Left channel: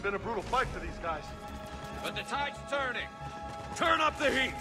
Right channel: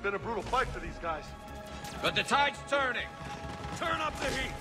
Been a brutal fight for these guys. But the tide's turning. Turn up the heat!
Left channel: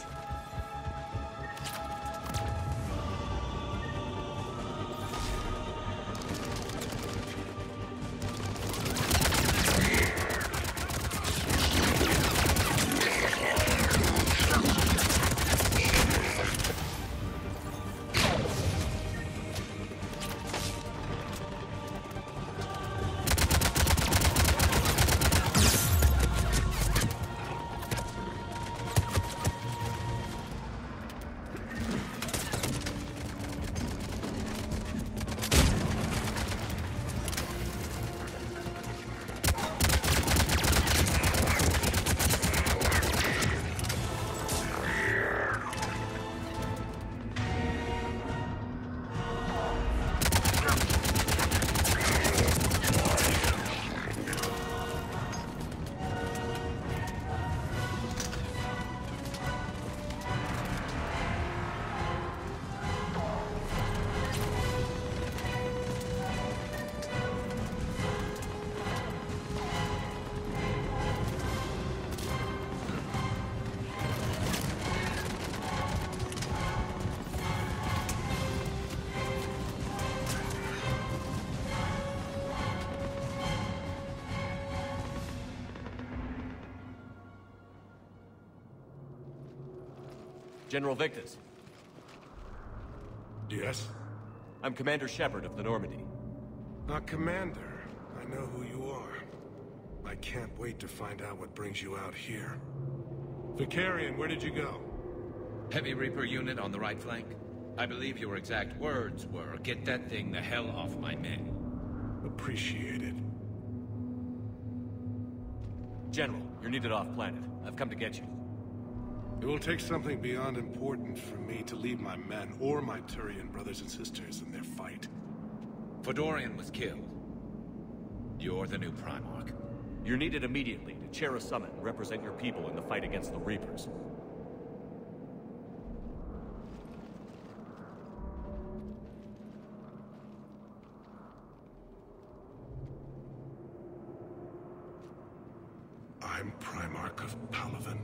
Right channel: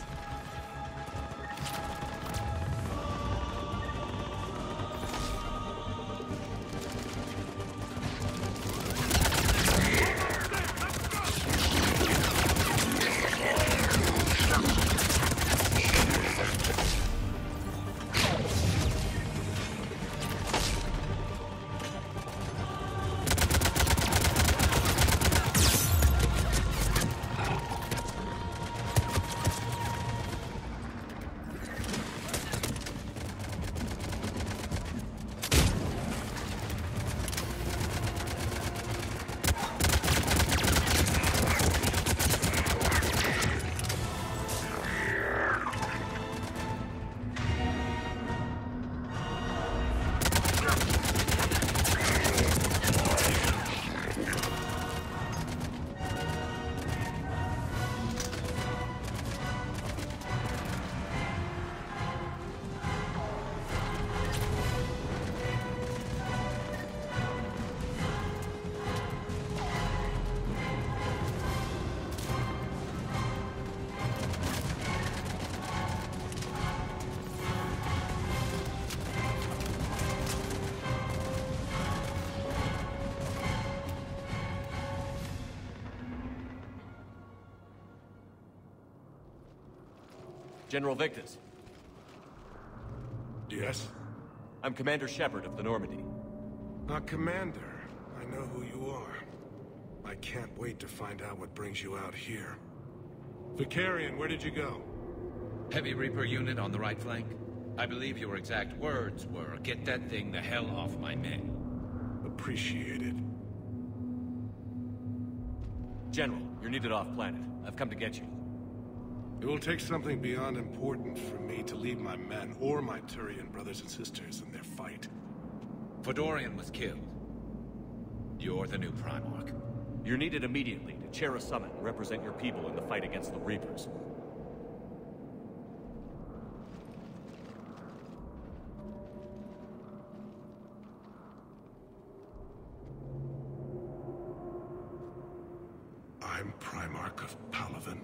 General Victus. Yes? I'm Commander Shepard of the Normandy. Commander. I know who you are. I can't wait to find out what brings you out here. Vicarian, where did you go? Heavy Reaper unit on the right flank. I believe your exact words were, "Get that thing the hell off my men." Appreciated. General, you're needed off-planet. I've come to get you. It will take something beyond important for me to leave my men or my Turian brothers and sisters in their fight. Fedorian was killed. You're the new Primarch. You're needed immediately to chair a summit and represent your people in the fight against the Reapers. I'm Primarch of Palaven,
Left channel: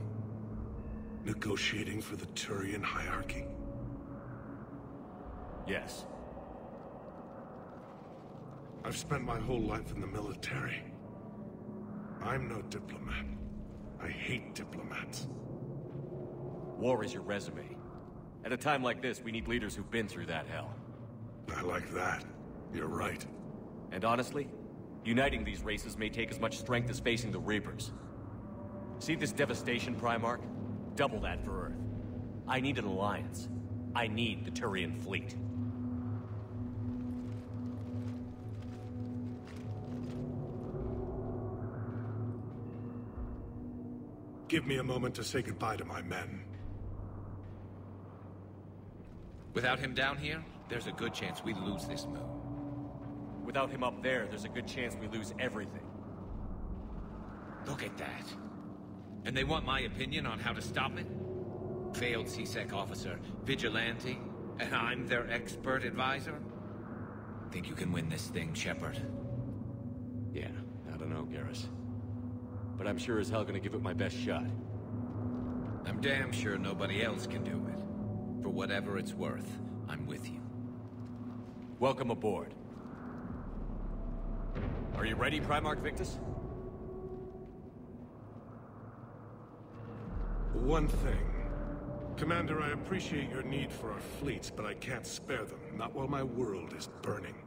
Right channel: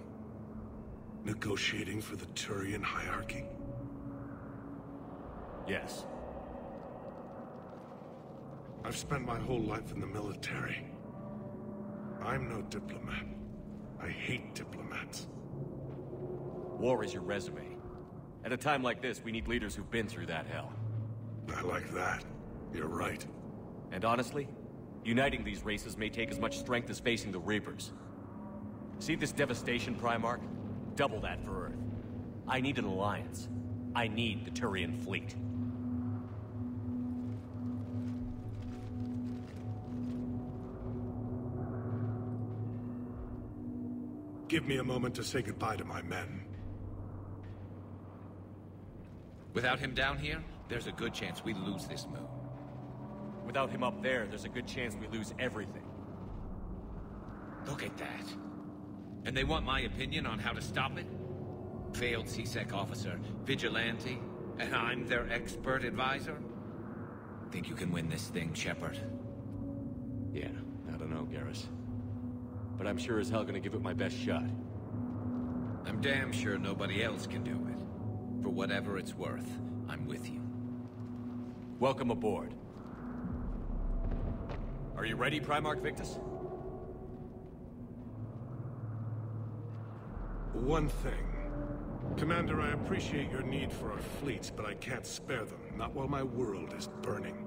negotiating for the Turian hierarchy. Yes. I've spent my whole life in the military. I'm no diplomat. I hate diplomats. War is your resume. At a time like this, we need leaders who've been through that hell. I like that. You're right. And honestly, Uniting these races may take as much strength as facing the Reapers. See this devastation, Primarch? Double that for Earth. I need an alliance. I need the Turian fleet. Give me a moment to say goodbye to my men. Without him down here, there's a good chance we lose this moon. Without him up there, there's a good chance we lose everything. Look at that. And they want my opinion on how to stop it? Failed C-Sec officer, vigilante, and I'm their expert advisor? Think you can win this thing, Shepard? Yeah, I don't know, Garrus. But I'm sure as hell gonna give it my best shot. I'm damn sure nobody else can do it. For whatever it's worth, I'm with you. Welcome aboard. Are you ready, Primarch Victus? One thing. Commander, I appreciate your need for our fleets, but I can't spare them, not while my world is burning.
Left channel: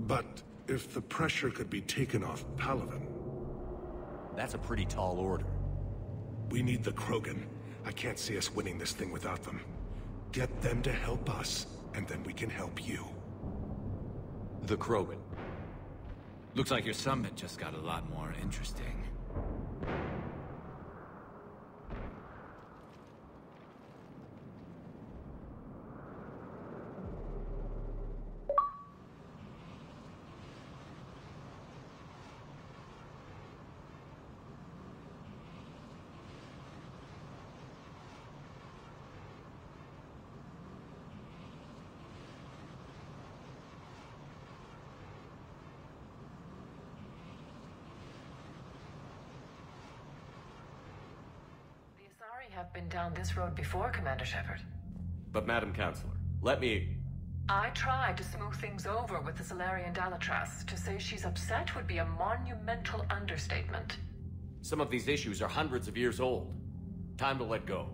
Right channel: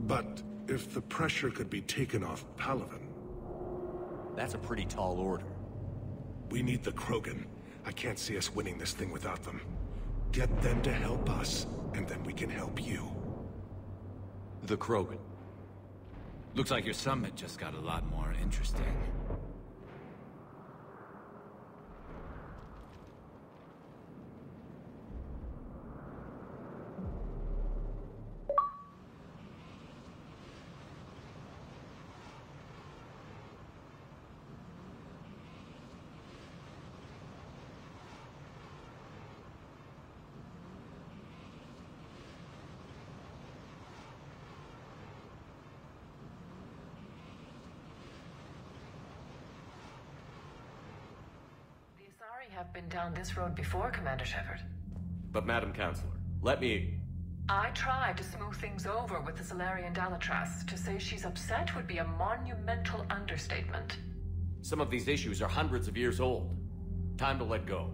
But if the pressure could be taken off Palaven... That's a pretty tall order. We need the Krogan. I can't see us winning this thing without them. Get them to help us, and then we can help you. The Krogan. Looks like your summit just got a lot more interesting. Have been down this road before, Commander Shepard. But Madam Counselor, let me... I tried to smooth things over with the Salarian Dalatras. To say she's upset would be a monumental understatement. Some of these issues are hundreds of years old. Time to let go.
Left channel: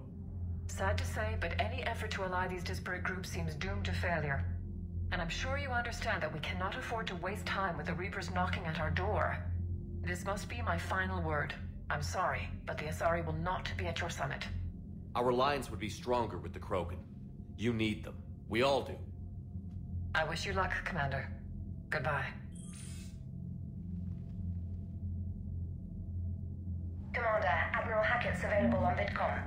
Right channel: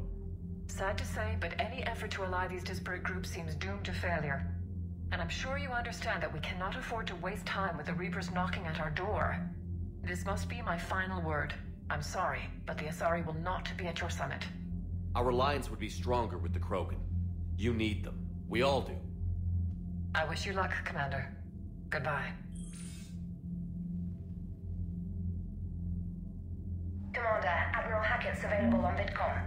Sad to say, but any effort to ally these disparate groups seems doomed to failure. And I'm sure you understand that we cannot afford to waste time with the Reapers knocking at our door. This must be my final word. I'm sorry, but the Asari will not be at your summit. Our alliance would be stronger with the Krogan. You need them. We all do. I wish you luck, Commander. Goodbye. Commander, Admiral Hackett's available on VidCom.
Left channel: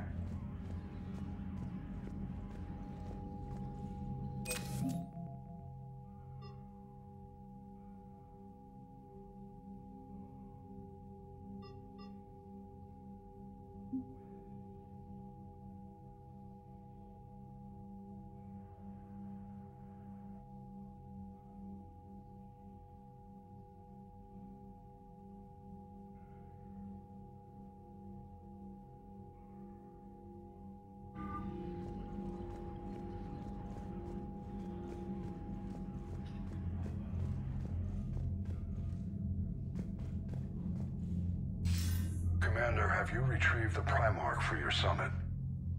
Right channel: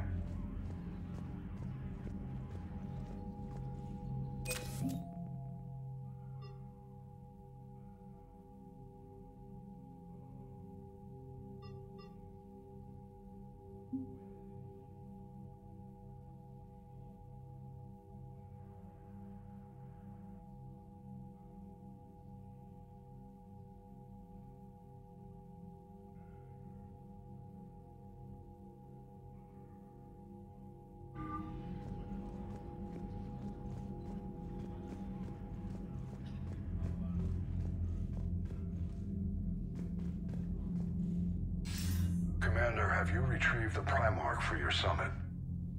Commander, have you retrieved the Primarch for your summit?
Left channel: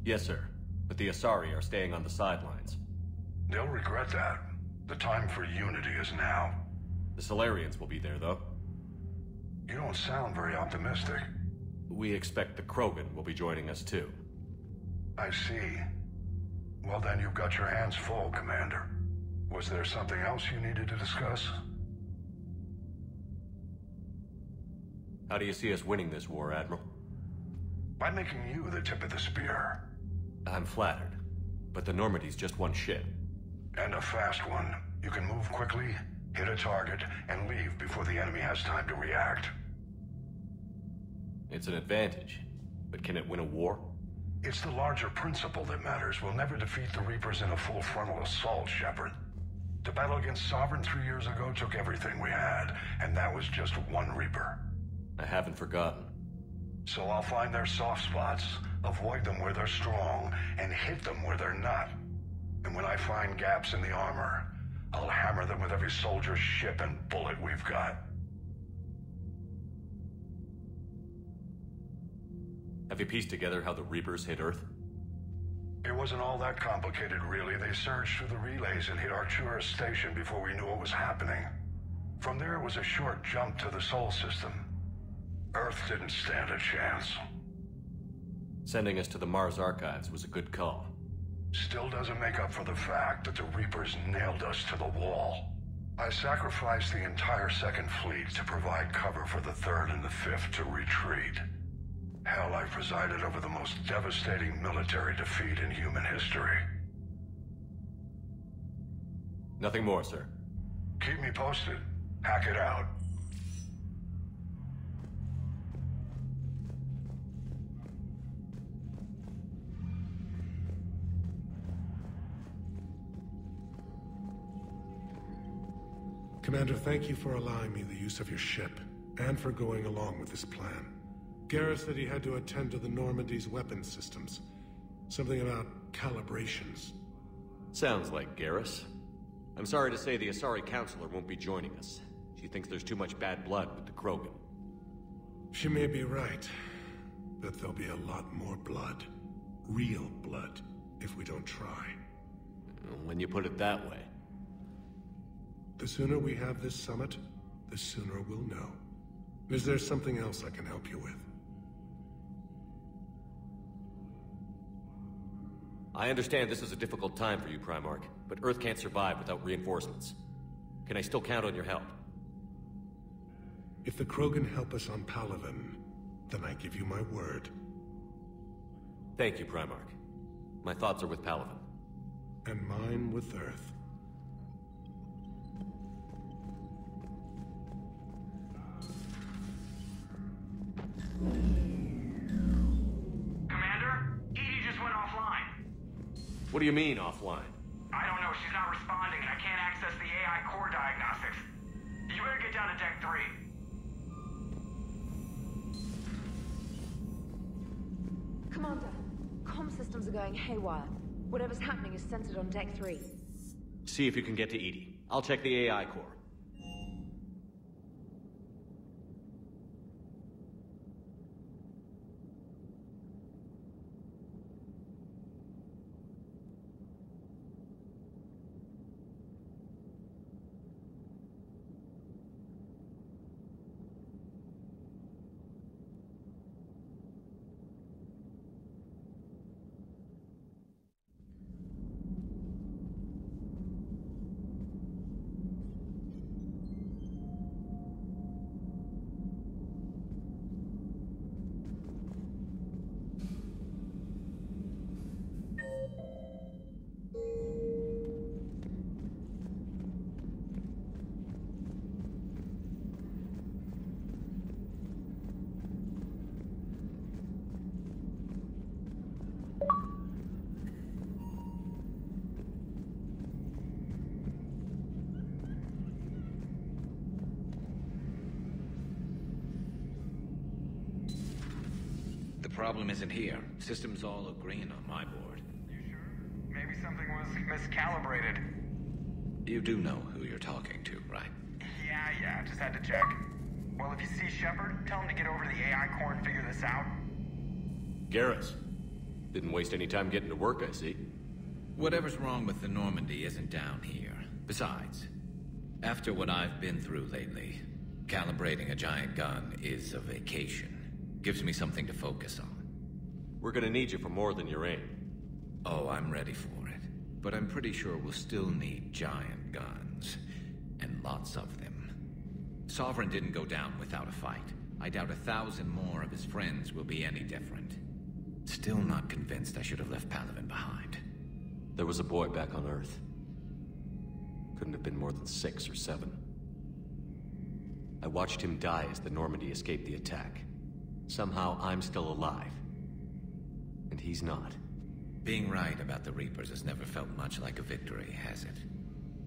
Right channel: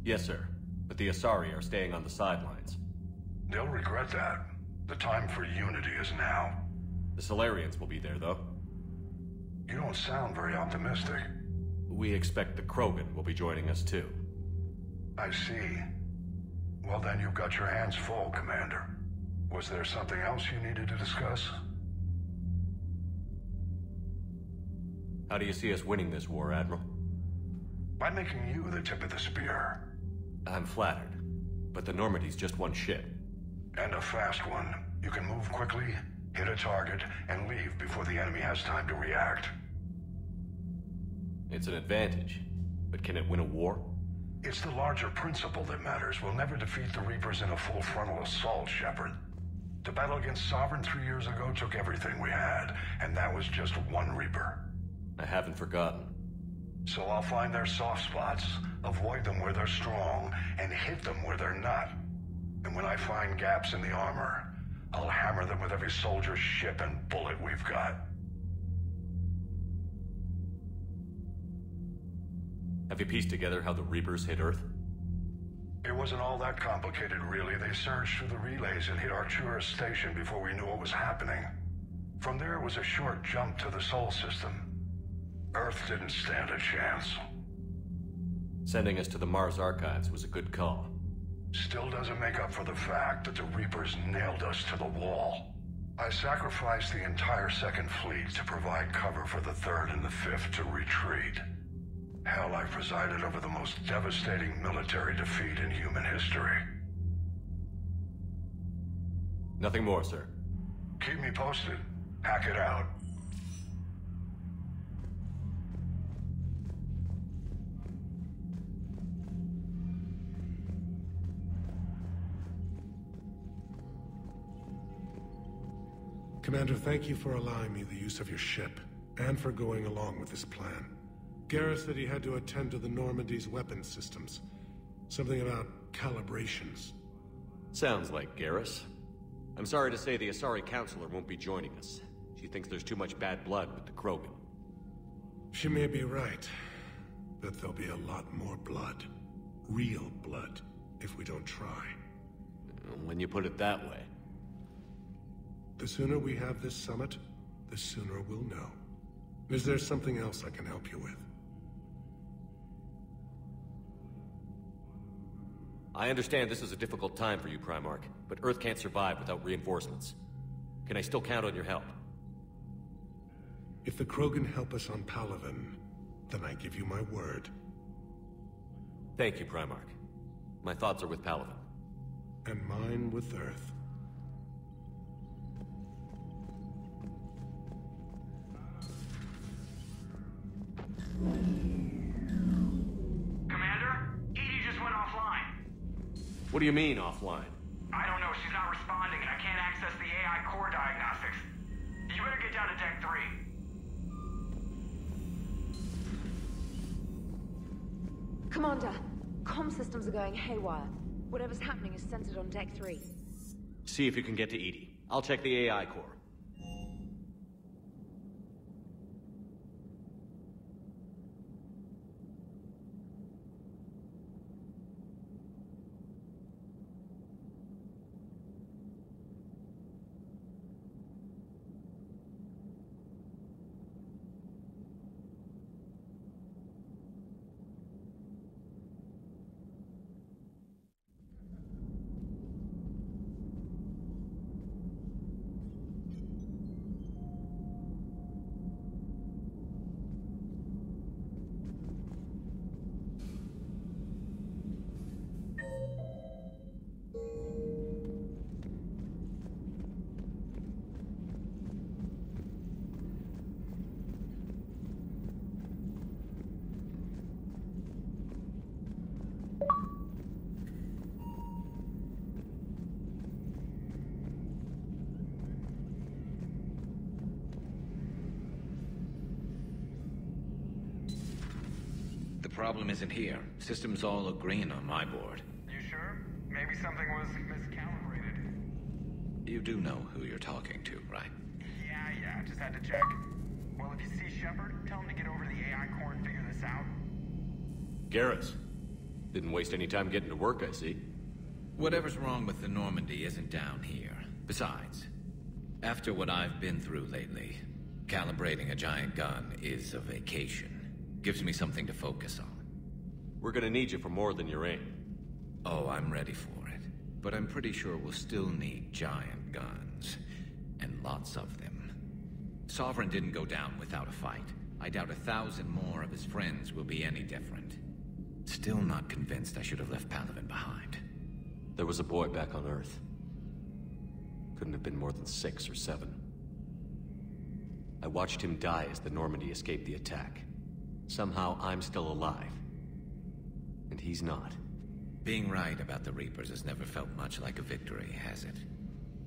Yes, sir. But the Asari are staying on the sidelines. They'll regret that. The time for unity is now. The Salarians will be there, though. You don't sound very optimistic. We expect the Krogan will be joining us, too. I see. Well, then you've got your hands full, Commander. Was there something else you needed to discuss? How do you see us winning this war, Admiral? By making you the tip of the spear. I'm flattered. But the Normandy's just one ship. And a fast one. You can move quickly, hit a target, and leave before the enemy has time to react. It's an advantage. But can it win a war? It's the larger principle that matters. We'll never defeat the Reapers in a full frontal assault, Shepard. The battle against Sovereign 3 years ago took everything we had, and that was just one Reaper. I haven't forgotten. So I'll find their soft spots, avoid them where they're strong, and hit them where they're not. And when I find gaps in the armor, I'll hammer them with every soldier, ship, and bullet we've got. Have you pieced together how the Reapers hit Earth? It wasn't all that complicated, really. They surged through the relays and hit Arcturus Station before we knew what was happening. From there was a short jump to the Sol system. Earth didn't stand a chance. Sending us to the Mars Archives was a good call. Still doesn't make up for the fact that the Reapers nailed us to the wall. I sacrificed the entire Second Fleet to provide cover for the Third and the Fifth to retreat. Hell, I presided over the most devastating military defeat in human history. Nothing more, sir. Keep me posted. Hack it out. Commander, thank you for allowing me the use of your ship, and for going along with this plan. Garrus said he had to attend to the Normandy's weapons systems. Something about calibrations. Sounds like Garrus. I'm sorry to say the Asari Counselor won't be joining us. She thinks there's too much bad blood with the Krogan. She may be right, but there'll be a lot more blood. Real blood, if we don't try. When you put it that way. The sooner we have this summit, the sooner we'll know. Is there something else I can help you with? I understand this is a difficult time for you, Primarch, but Earth can't survive without reinforcements. Can I still count on your help? If the Krogan help us on Palaven, then I give you my word. Thank you, Primarch. My thoughts are with Palaven. And mine with Earth. Commander, EDI just went offline. What do you mean, offline? I don't know, she's not responding and I can't access the AI core diagnostics. You better get down to Deck 3. Commander, comm systems are well. Whatever traffic sends on Deck 3. See if you can get to EDI. I'll check the AI core. The problem isn't here. Systems all look green on my board. You sure? Maybe something was miscalibrated. You do know who you're talking to, right? Yeah, just had to check. Well, if you see Shepard, tell him to get over to the AI core and figure this out. Garrus. Didn't waste any time getting to work, I see. Whatever's wrong with the Normandy isn't down here. Besides, after what I've been through lately, calibrating a giant gun is a vacation. Gives me something to focus on. We're gonna need you for more than your aim. Oh, I'm ready for it. But I'm pretty sure we'll still need giant guns. And lots of them. Sovereign didn't go down without a fight. I doubt 1,000 more of his friends will be any different. Still not convinced I should have left Palaven behind. There was a boy back on Earth. Couldn't have been more than 6 or 7. I watched him die as the Normandy escaped the attack. Somehow I'm still alive. And he's not. Being right about the Reapers has never felt much like a victory, has it?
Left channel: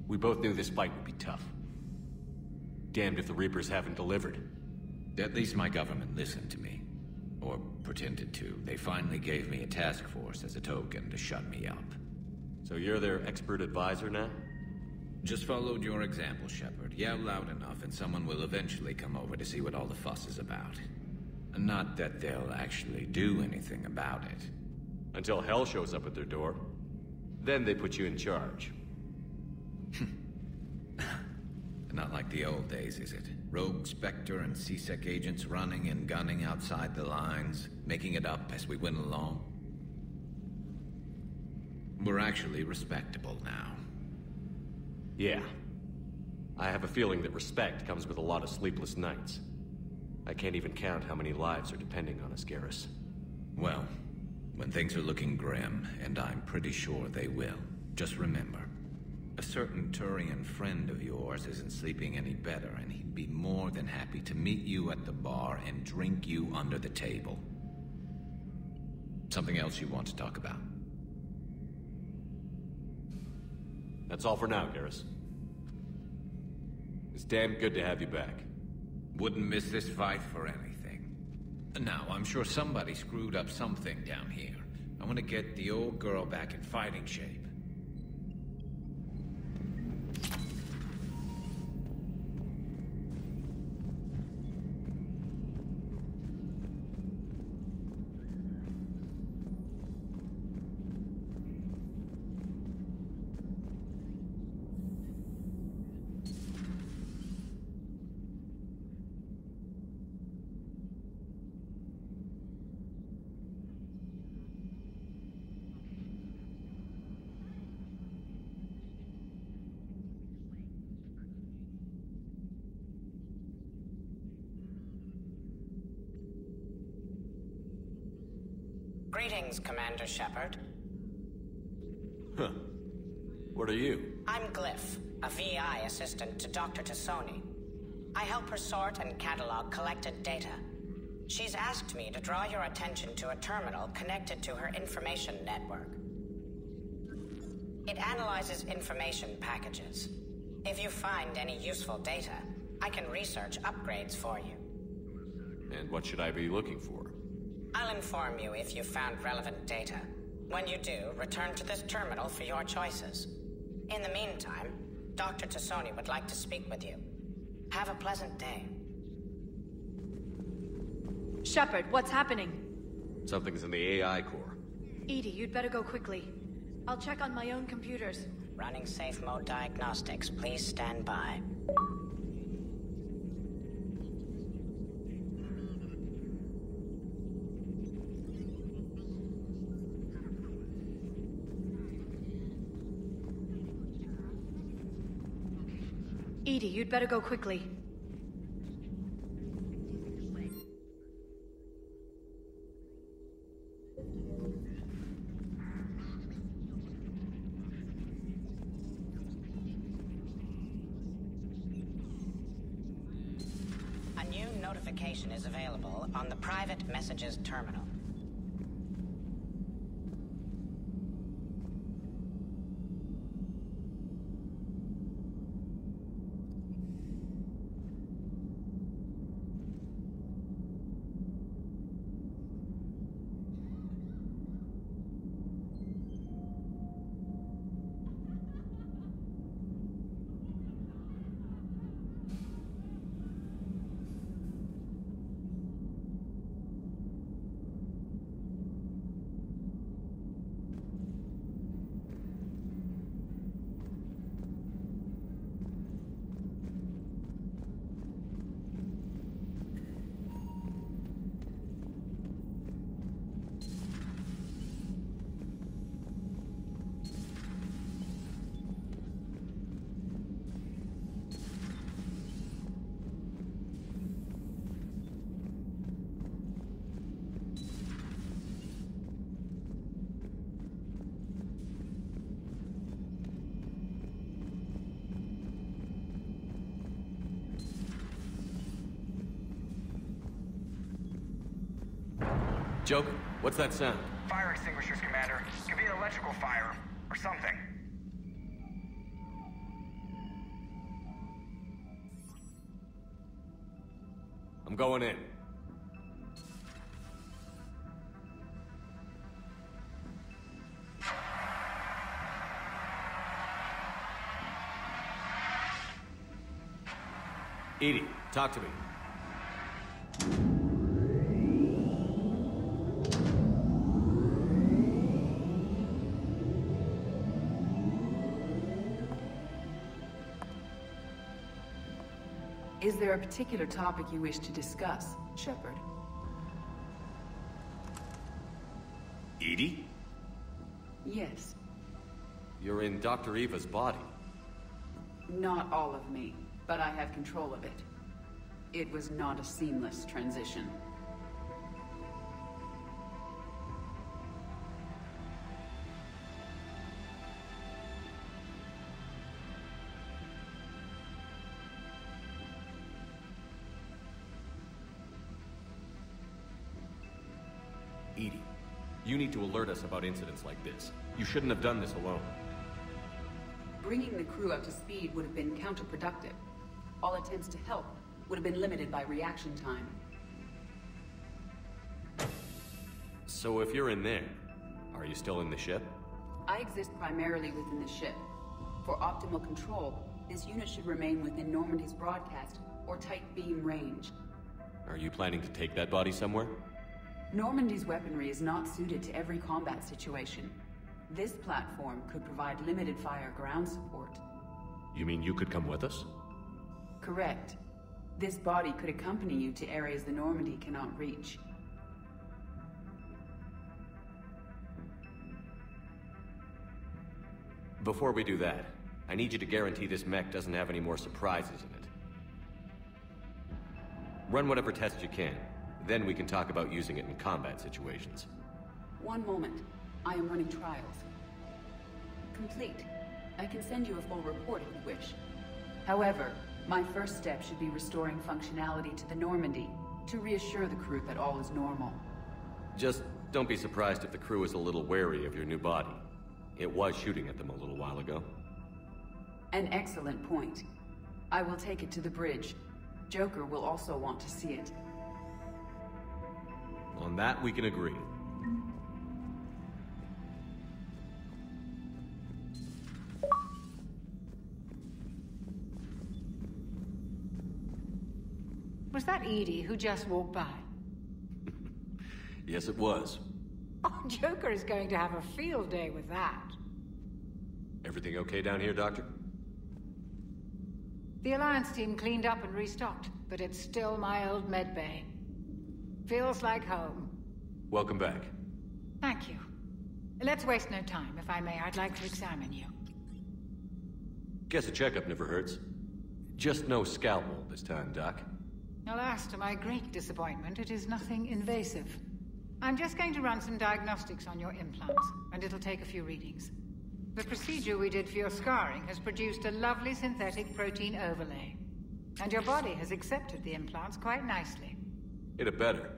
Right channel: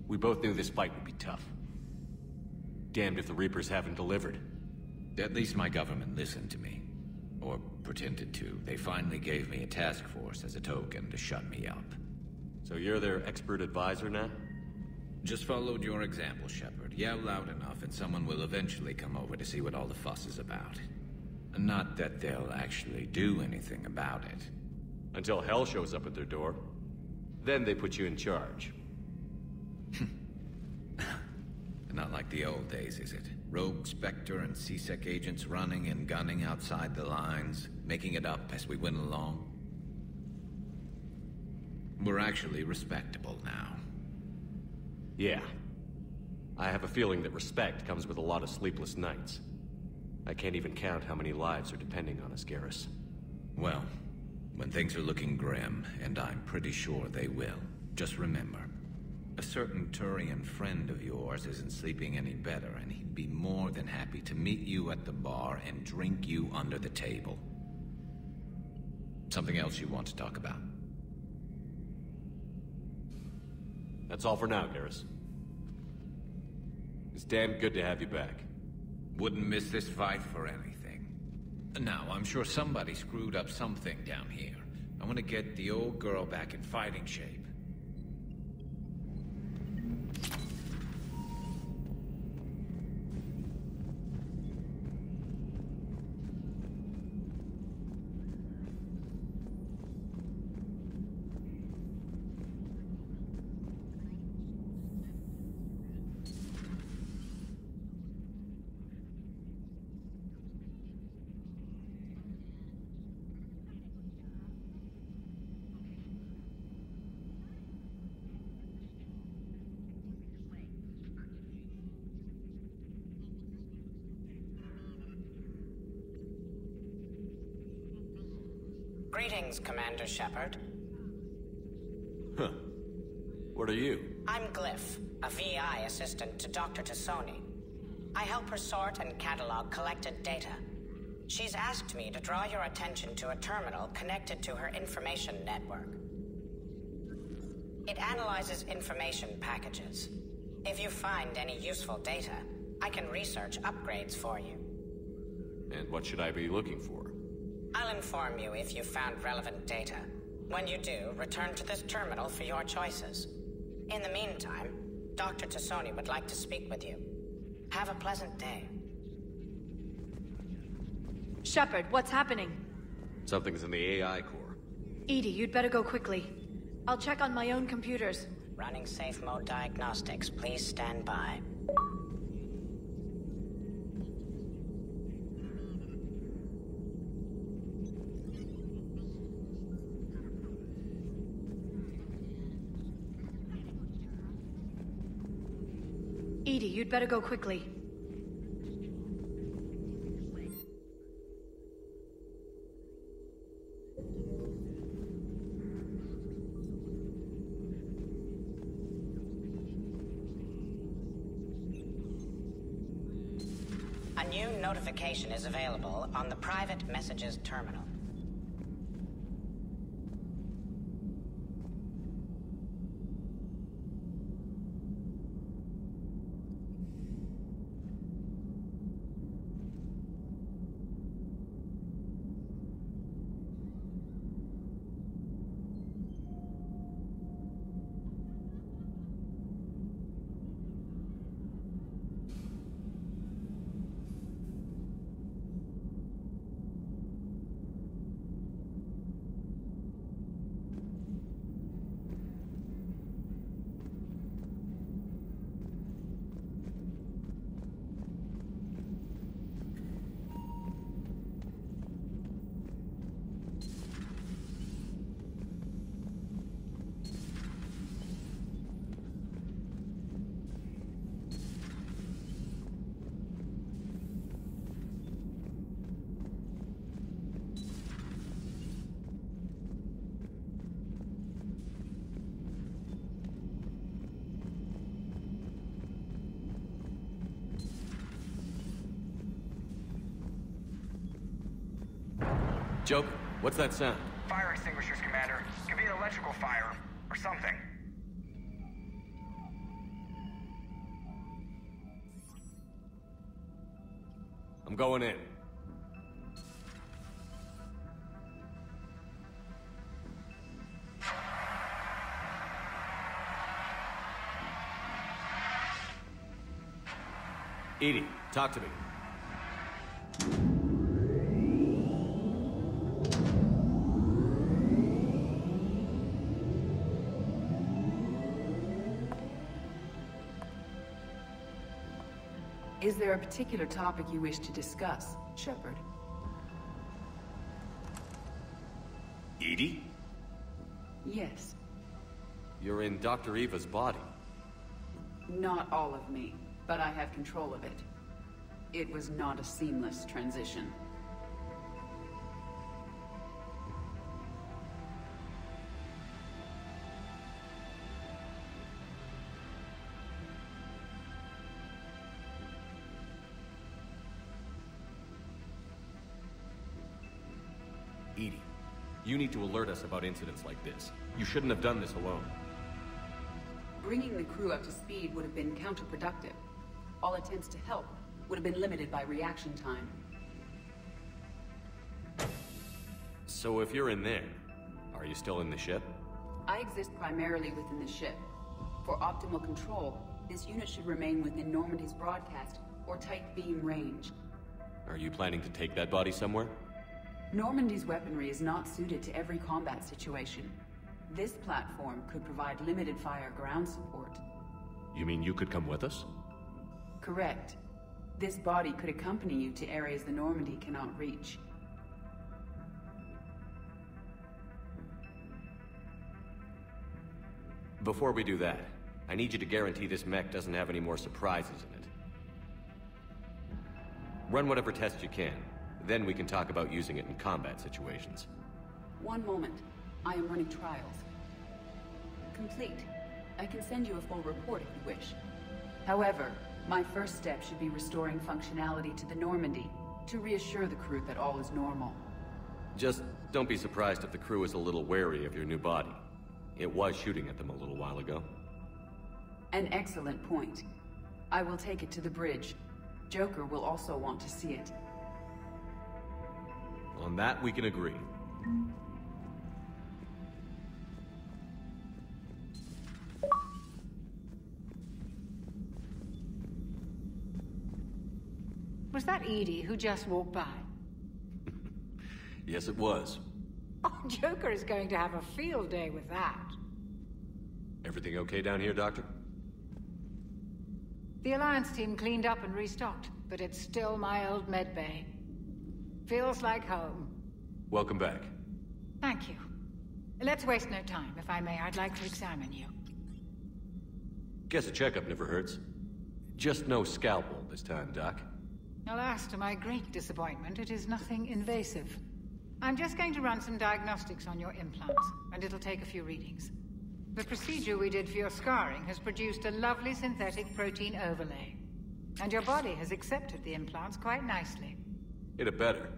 We both knew this fight would be tough. Damned if the Reapers haven't delivered. At least my government listened to me. Or pretended to. They finally gave me a task force as a token to shut me up. So you're their expert advisor now? Just followed your example, Shepard. Yell loud enough and someone will eventually come over to see what all the fuss is about. Not that they'll actually do anything about it. Until hell shows up at their door. Then they put you in charge. Not like the old days, is it? Rogue Spectre and C-Sec agents running and gunning outside the lines, making it up as we went along. We're actually respectable now. Yeah. I have a feeling that respect comes with a lot of sleepless nights. I can't even count how many lives are depending on us, Garrus. Well, when things are looking grim, and I'm pretty sure they will, just remember, a certain Turian friend of yours isn't sleeping any better, and he'd be more than happy to meet you at the bar and drink you under the table. Something else you want to talk about? That's all for now, Garrus. It's damn good to have you back. Wouldn't miss this fight for anything. Now, I'm sure somebody screwed up something down here. I want to get the old girl back in fighting shape. Greetings, Commander Shepard. Huh. What are you? I'm Glyph, a VI assistant to Dr. T'Soni. I help her sort and catalog collected data. She's asked me to draw your attention to a terminal connected to her information network. It analyzes information packages. If you find any useful data, I can research upgrades for you. And what should I be looking for? I'll inform you if you've found relevant data. When you do, return to this terminal for your choices. In the meantime, Dr. T'Soni would like to speak with you. Have a pleasant day. Shepard, what's happening? Something's in the AI core. EDI, you'd better go quickly. I'll check on my own computers. EDI, you'd better go quickly. A new notification is available on the private messages chart. Joker, what's that sound? Fire extinguishers, Commander. Could be an electrical fire, or something. I'm going in. EDI, talk to me. Is there a particular topic you wish to discuss, Shepard? EDI? Yes. You're in Dr. Eva's body. Not all of me, but I have control of it. It was not a seamless transition. EDI, you need to alert us about incidents like this. You shouldn't have done this alone. Bringing the crew up to speed would have been counterproductive. All attempts to help would have been limited by reaction time. So if you're in there, are you still in the ship? I exist primarily within the ship. For optimal control, this unit should remain within Normandy's broadcast or tight beam range. Are you planning to take that body somewhere? Normandy's weaponry is not suited to every combat situation. This platform could provide limited fire ground support. You mean you could come with us? Correct. This body could accompany you to areas the Normandy cannot reach. Before we do that, I need you to guarantee this mech doesn't have any more surprises in it. Run whatever tests you can. Then we can talk about using it in combat situations. One moment. I am running trials. Complete. I can send you a full report if you wish. However, my first step should be restoring functionality to the Normandy to reassure the crew that all is normal. Just don't be surprised if the crew is a little wary of your new body. It was shooting at them a little while ago. An excellent point. I will take it to the bridge. Joker will also want to see it. On that, we can agree. Was that EDI who just walked by? Yes, it was. Oh, Joker is going to have a field day with that. Everything okay down here, Doctor? The Alliance team cleaned up and restocked, but it's still my old med bay. Feels like home. Welcome back. Thank you. Let's waste no time. If I may, I'd like to examine you. Guess a checkup never hurts. Just no scalpel this time, Doc. Alas, to my great disappointment, it is nothing invasive. I'm just going to run some diagnostics on your implants, and it'll take a few readings. The procedure we did for your scarring has produced a lovely synthetic protein overlay. And your body has accepted the implants quite nicely. It had better.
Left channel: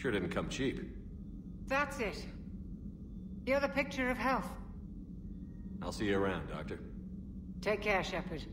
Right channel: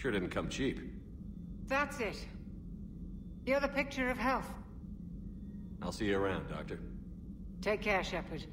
Sure didn't come cheap. That's it. You're the picture of health. I'll see you around, Doctor. Take care, Shepard.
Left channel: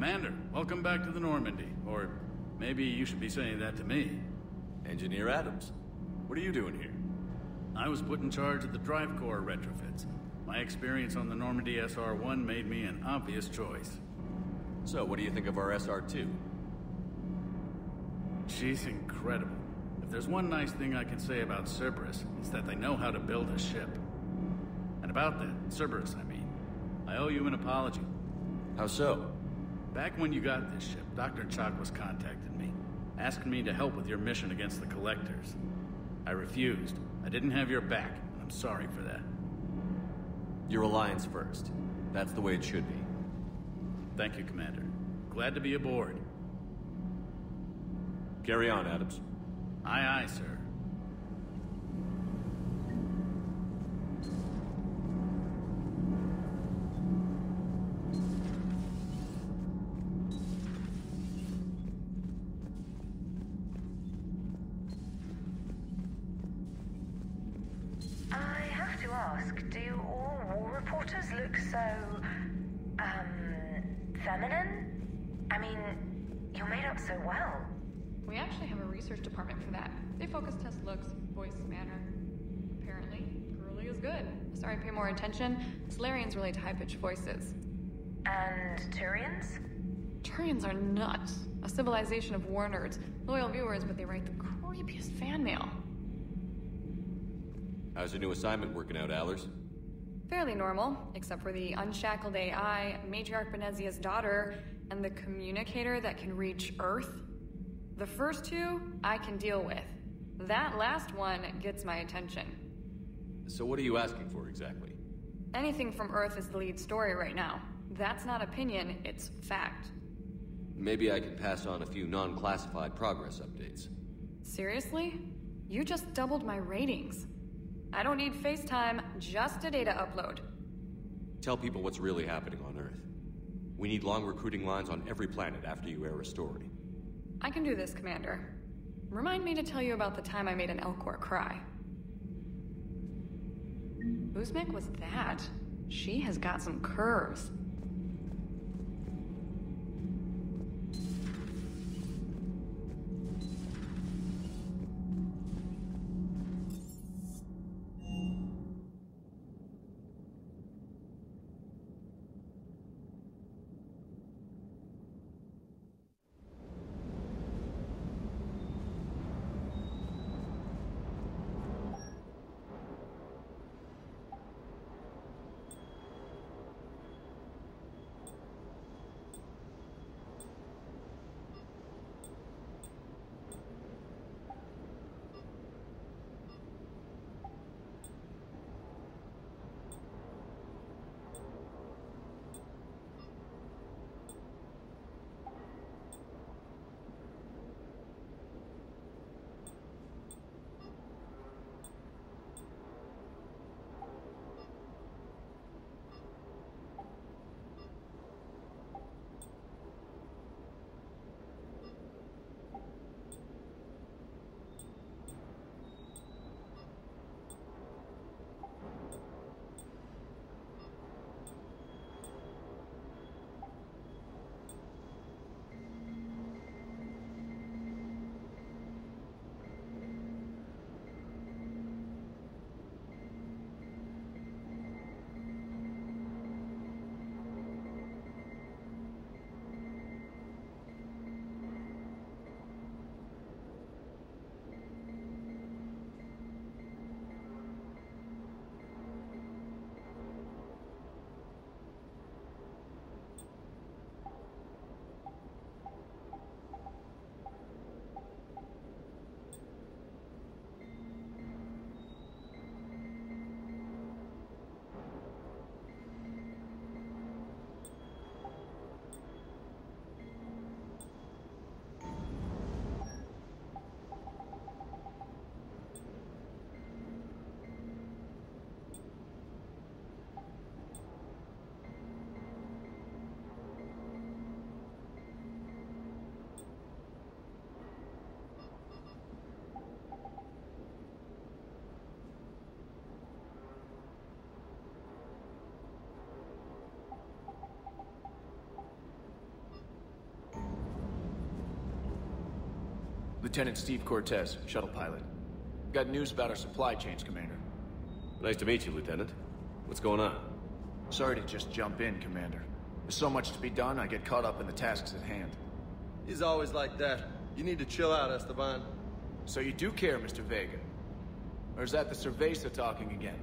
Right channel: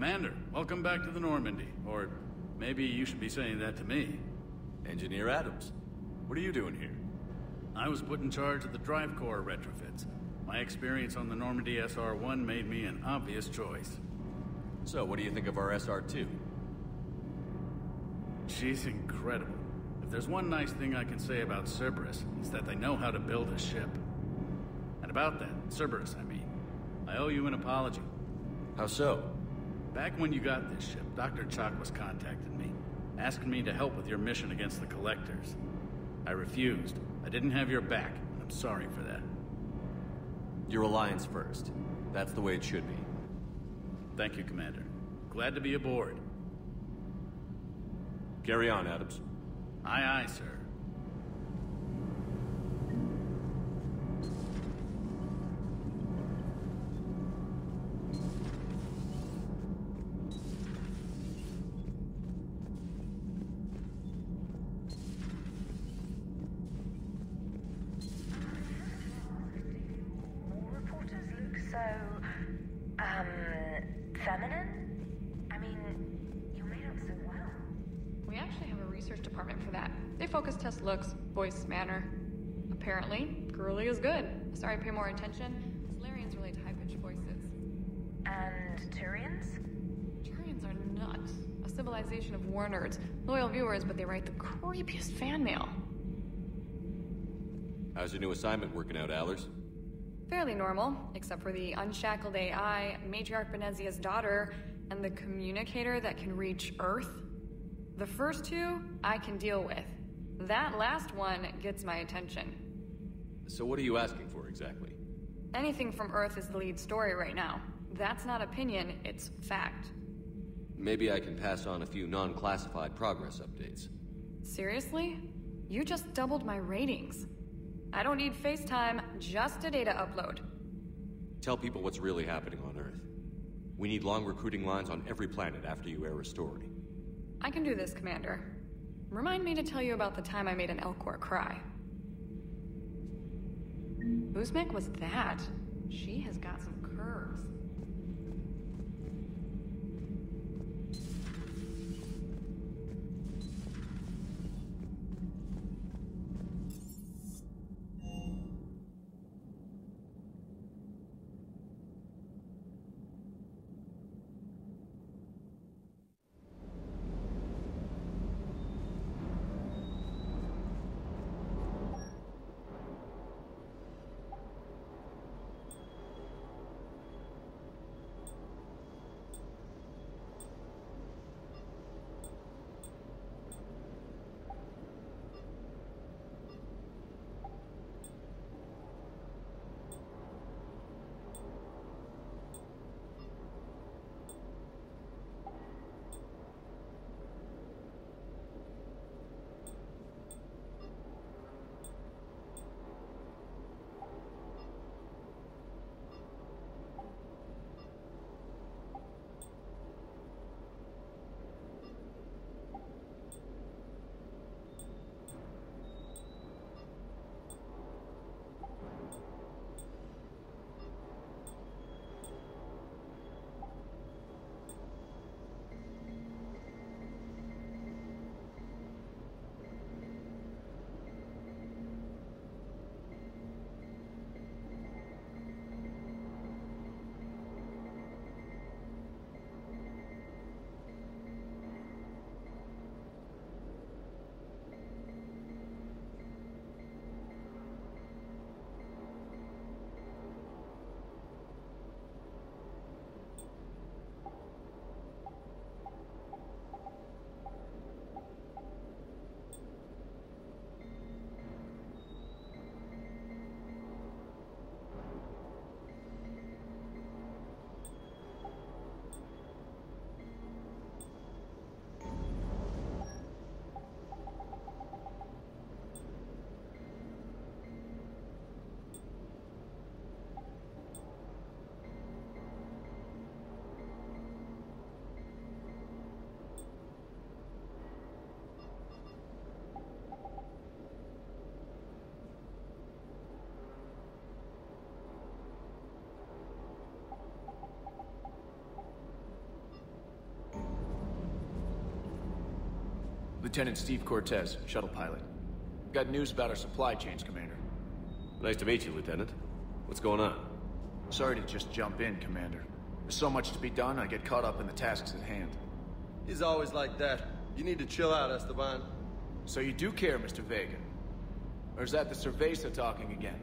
Commander, welcome back to the Normandy. Or maybe you should be saying that to me. Engineer Adams, what are you doing here? I was put in charge of the drive core retrofits. My experience on the Normandy SR-1 made me an obvious choice. So, what do you think of our SR-2? She's incredible. If there's one nice thing I can say about Cerberus, it's that they know how to build a ship. And about that, Cerberus, I mean, I owe you an apology. How so? Back when you got this ship, Dr. Chakwas contacted me, asking me to help with your mission against the Collectors. I refused. I didn't have your back, and I'm sorry for that. Your Alliance first. That's the way it should be. Thank you, Commander. Glad to be aboard. Carry on, Adams. Aye, aye, sir. quarters look so, feminine? I mean, you're made up so well. We actually have a research department for that. They focus test looks, voice, manner. Apparently, girly is good. Sorry, pay more attention. Salarians relate to high-pitched voices. And Turians? Turians are nuts. A civilization of war nerds. Loyal viewers, but they write the creepiest fan mail. How's your new assignment working out, Allers? Fairly normal, except for the unshackled AI, Matriarch Benezia's daughter, and the communicator that can reach Earth. The first two, I can deal with. That last one gets my attention. So what are you asking for, exactly? Anything from Earth is the lead story right now. That's not opinion, it's fact. Maybe I can pass on a few non-classified progress updates. Seriously? You just doubled my ratings. I don't need FaceTime, just a data upload. Tell people what's really happening on Earth. We need long recruiting lines on every planet after you air a story. I can do this, Commander. Remind me to tell you about the time I made an Elcor cry. Whose mech was that? She has got some curves. Lieutenant Steve Cortez, shuttle pilot. Got news about our supply chains, Commander. Nice to meet you, Lieutenant. What's going on? Sorry to just jump in, Commander. There's so much to be done, I get caught up in the tasks at hand. He's always like that. You need to chill out, Esteban. So you do care, Mr. Vega? Or is that the Cerveza talking again?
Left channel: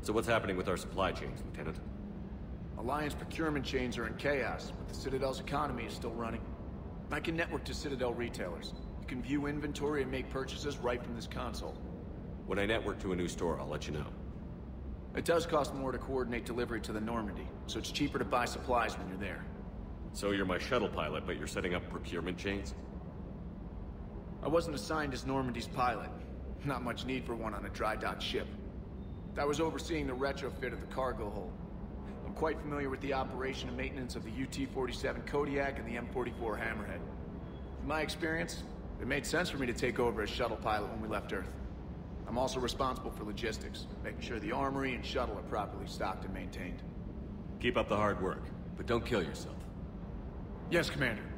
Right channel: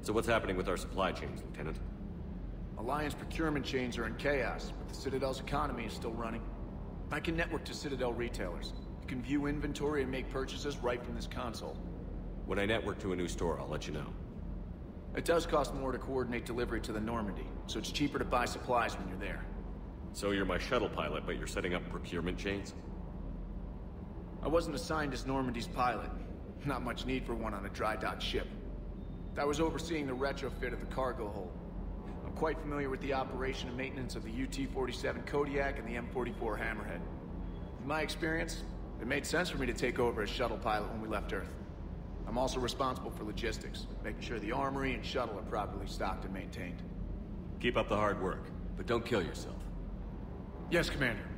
So what's happening with our supply chains, Lieutenant? Alliance procurement chains are in chaos, but the Citadel's economy is still running. I can network to Citadel retailers. You can view inventory and make purchases right from this console. When I network to a new store, I'll let you know. It does cost more to coordinate delivery to the Normandy, so it's cheaper to buy supplies when you're there. So you're my shuttle pilot, but you're setting up procurement chains? I wasn't assigned as Normandy's pilot. Not much need for one on a dry dock ship. I was overseeing the retrofit of the cargo hold. I'm quite familiar with the operation and maintenance of the UT-47 Kodiak and the M44 Hammerhead. In my experience, it made sense for me to take over as shuttle pilot when we left Earth. I'm also responsible for logistics, making sure the armory and shuttle are properly stocked and maintained. Keep up the hard work, but don't kill yourself. Yes, Commander.